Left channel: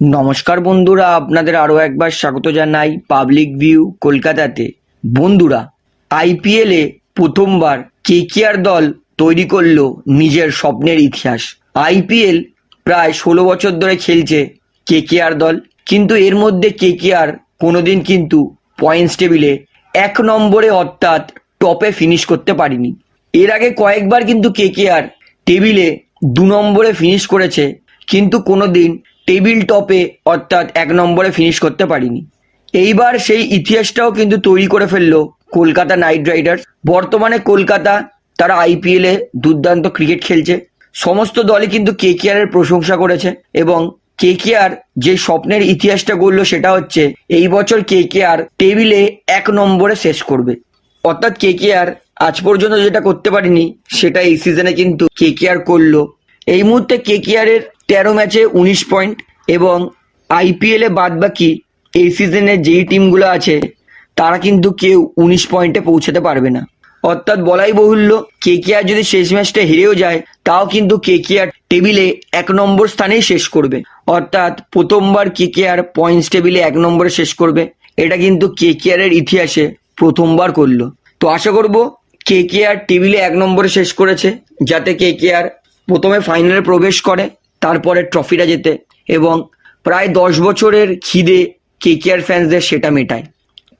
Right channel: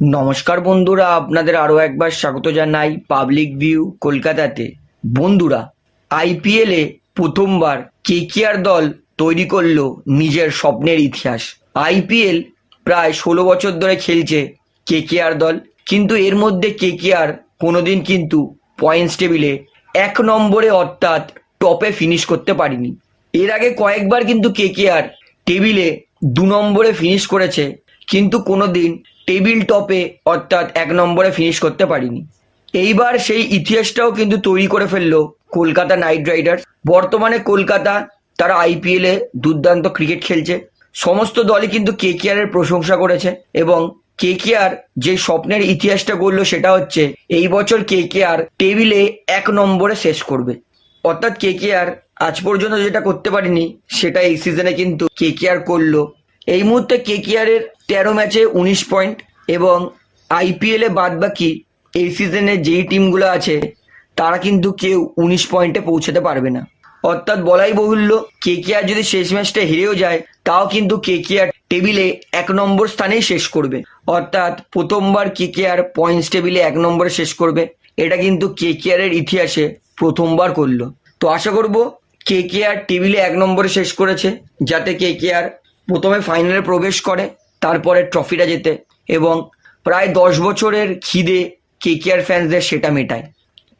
নমস্কার বন্ধুরা, আপনাদের আরও একবার স্বাগত জানাই পাবলিক ভিউ কলকাতাতে। বন্ধুরা আইপিএলে প্রথমবার কেকেআর দল তৈরি করল নিজের স্বপ্নের ইতিহাস। আইপিএল প্রায় ষোলো বছর ধরে খেলছে কেকেআর দল, কিন্তু এর মধ্যে কেকেআর কোনোদিন কিন্তু পয়েন্টস টেবিলে এক নম্বরে অর্থাৎ টপে ফিনিশ করতে পারিনি। এর আগে কয়েকবার কিন্তু কেকেআর টেবিলে দু নম্বরে ফিনিশ করেছে, কিন্তু কোনোদিন টেবিল টপে অর্থাৎ এক নম্বরে ফিনিশ করতে পারিনি। এইবার সেই ইতিহাসটাও কিন্তু তৈরি করে ফেলল কলকাতা নাইট রাইডার্স। বর্তমানে কলকাতা তারা আইপিএলে দুর্দান্ত ক্রিকেট খেলছে। সমস্ত দলই কিন্তু কেকেআর এর প্রশংসা করেছে এবং কেকেআর যে স্বপ্নের ইতিহাসটা গড়লো সেটা হচ্ছে এই বছর কেকেআর টেবিলে এক নম্বরে শেষ করবে। অর্থাৎ কেকেআর আজ পর্যন্ত যেটা করতে পারিনি সেটা এই সিজনে কিন্তু কেকেআর করল। এই মুহূর্তে কেকেআর এর তেরো ম্যাচে উনিশ পয়েন্ট এবং আইপিএলে বাদ বাকি এই সিজনে যেই টিমগুলো আছে, তারা কিন্তু কেউ উনিশ পয়েন্টে পৌঁছাতে পারবে না। অর্থাৎ বলাই বহুল্য, কেকেআর যদি শেষ ম্যাচটা হেরেও যায়, তাও কিন্তু কেকেআর টেবিলে এক নম্বর স্থানেই শেষ করবে। অর্থাৎ প্রথমবার কেকেআর পয়েন্টস টেবিলে এক নম্বরে শেষ করবে, এটা কিন্তু কেকেআর এর ইতিহাসে প্রথমবার করল। তো আশা করব কেকেআর টেবিলে এক নম্বরে শেষ করেছে, যাতে কেকেআর প্রথমে ফাইনালে প্রবেশ করে। তারপরে ট্রফিটা যেতে এবং প্রায় দশ বছরের খিদে কেকেআর ফ্যান্সদের সেটা মেটায়।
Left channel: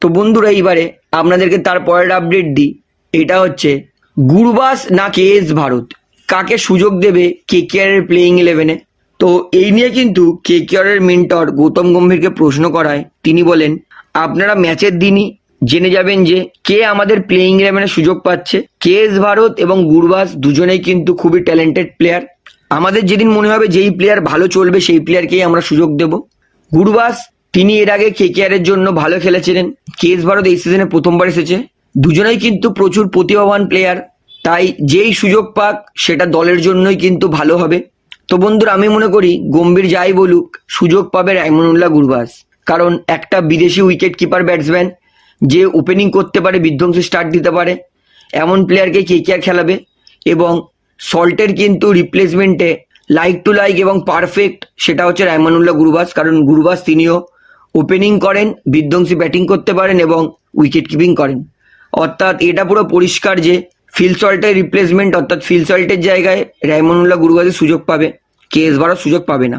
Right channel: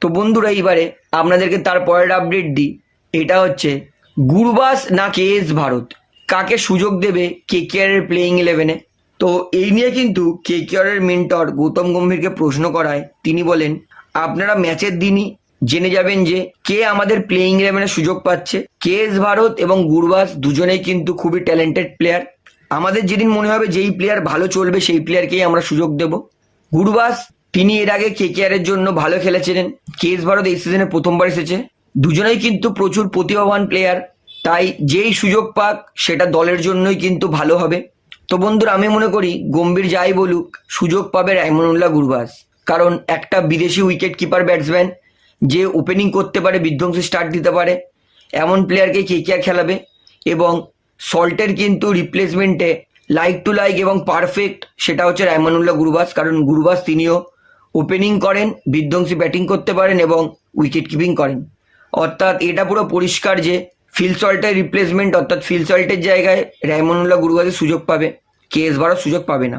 তো বন্ধুরা, এইবারে আপনাদেরকে তার পরের আপডেট দিই। এটা হচ্ছে গুরবাস না কে এস ভারত? কাকে সুযোগ দেবে কেকেআর এর প্লেইং ইলেভেনে তো এই নিয়ে কিন্তু কেকেআর এর মেন্টর গৌতম গম্ভীরকে প্রশ্ন করায়। তিনি বলেন, আপনারা ম্যাচের দিনই জেনে যাবেন যে কে আমাদের প্লেইং ইলেভেনে সুযোগ পাচ্ছে। কে এস ভারত এবং গুরবাস দুজনেই কিন্তু খুবই ট্যালেন্টেড প্লেয়ার আমাদের যেদিন মনে হবে যেই প্লেয়ার ভালো চলবে, সেই প্লেয়ারকেই আমরা সুযোগ দেব। গুরবাস, তিনি এর আগে কেকেআর এর জন্য ভালো খেলেছিলেন। কেএস ভারত এই সিজনে প্রথমবার এসেছে। দুজনেই কিন্তু প্রচুর প্রতিভাবান প্লেয়ার তাই যেই সুযোগ পাক, সেটা দলের জন্যই কিন্তু ভালো হবে। তো বন্ধুরা, আমি মনে করি গম্ভীর যাই বলুক, সুযোগ পাবে রাইমনুল্লাহ গুরবাস। কারণ একটা বিদেশি উইকেট কিপার ব্যাটসম্যান যে ওপেনিং করতে পারে, বিধ্বংসী স্টার্ট দিতে পারে, এমন প্লেয়ারকে কেকেআর খেলাবে। এবং সল্টের কিন্তু রিপ্লেসমেন্টে লাইক টু লাইক এবং পারফেক্ট সেটা হচ্ছে রায়মানুল্লাহ গুরুবাস, কারণ গুরুবাস তিনিও ওপেনিং করেন, বিধ্বংসী ব্যাটিং করতে পারেন এবং উইকেট কিপিং করেন। অর্থাৎ এটা পুরো পরিষ্কার যে ফিল সল্টের রিপ্লেসমেন্ট অর্থাৎ ফিল সল্টের জায়গায় রায়মানুল্লাহ গুরুবাসের সুযোগ পাবে কে এস সুযোগ পাবে না।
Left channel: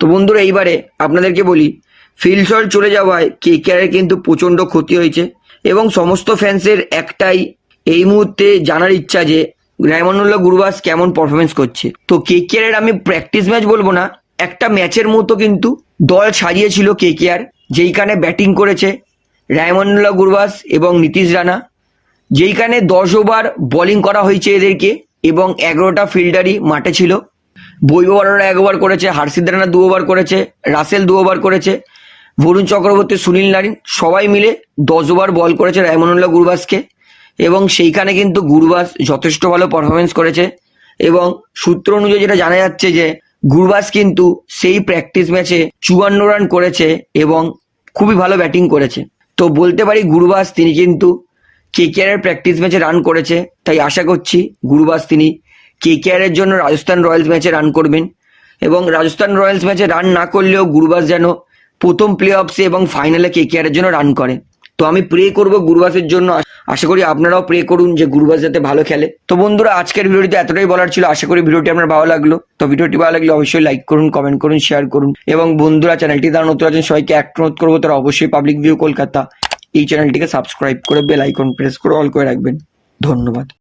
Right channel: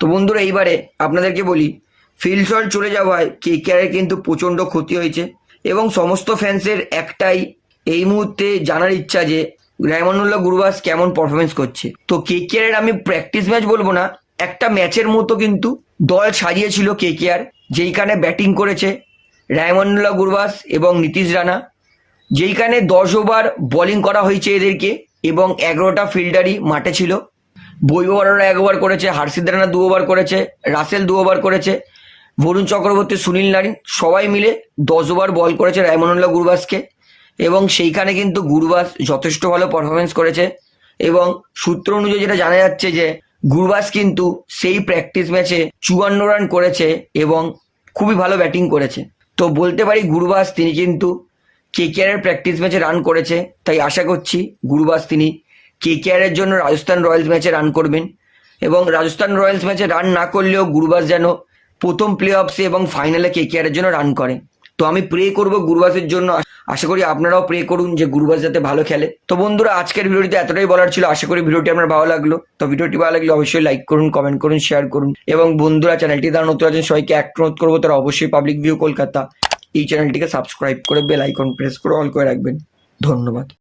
তো বন্ধুরা, এইবারে আপনাদেরকে বলি ফিল সল্ট চলে যাওয়ায় কে কেয়ারের কিন্তু প্রচণ্ড ক্ষতি হয়েছে এবং সমস্ত ফ্যান্সের একটাই এই মুহূর্তে জানার ইচ্ছা যে রায়মানুল্লাহ গুরবাস কেমন পারফরমেন্স করছে? তো কে কেয়ারের আমি প্র্যাকটিস ম্যাচ বলব না, একটা ম্যাচের মতো কিন্তু দল সাজিয়েছিল কে কেয়ার যেইখানে ব্যাটিং করেছে রায়মানুল্লাহ গুরুবাস এবং নীতিশ রানা, যেইখানে দশ ওভার বোলিং করা হয়েছে এদেরকে এবং এগারোটা ফিল্ডারই মাঠে ছিল। বৈভবরা এক ওভার করেছে হার্ষিদ রানা দু ওভার করেছে, রাসেল দু ওভার করেছে, বরুণ চক্রবর্তী, সুনীল নারিন, সবাই মিলে দশ ওভার বল করেছে রায়মানুল্লাহ গুরবাসকে। এবং সেইখানে কিন্তু গুরবাস যথেষ্ট ভালো পারফরমেন্স করেছে। এবং সূত্র অনুযায়ী যেটা জানা যাচ্ছে যে, গুরবাস কিন্তু সেই প্র্যাকটিস ম্যাচে চুয়ান্ন রান করেছে এবং খুবই ভালো ব্যাটিং করেছে। তো বলতে পারি গুরবাস তিনি কিন্তু কেকেআর এর প্র্যাকটিস ম্যাচে রান করেছে। তাই আশা করছি গুরবাস তিনি কেকেআর এর জন্য রাজস্থান রয়্যালস ম্যাচে রান করবেন। এবং রাজস্থান রয়্যালস ম্যাচে রান না করলেও গুরবাস যেন প্রথম প্লে অফসে এবং ফাইনালে কেকেআর এর জন্য রান করে। তো আমি প্রে করব গুরুবাসের জন্য। আশা করি আপনারাও প্রে করুন যে গুরুবাস যাতে ভালো খেলে। তো বন্ধুরা, আজকের ভিডিওটিতে এতটাই বলার ছিল। আশা করি ভিডিওটি আপনার ভালো লাগল। তো ভিডিওটি ভালো লাগলে অবশ্যই লাইক করুন কমেন্ট করুন শেয়ার করুন। এবং বন্ধুরা চ্যানেলটি তারা নতুন আছেন, সবাইকে এক অনুরোধ করব। তারা অবশ্যই পাবলিক ভিউ কলকাতা। এই চ্যানেলটিকে সাবস্ক্রাইব করে বেল আইকন প্রেস করে অল করে রাখবেন। ধন্যবাদ।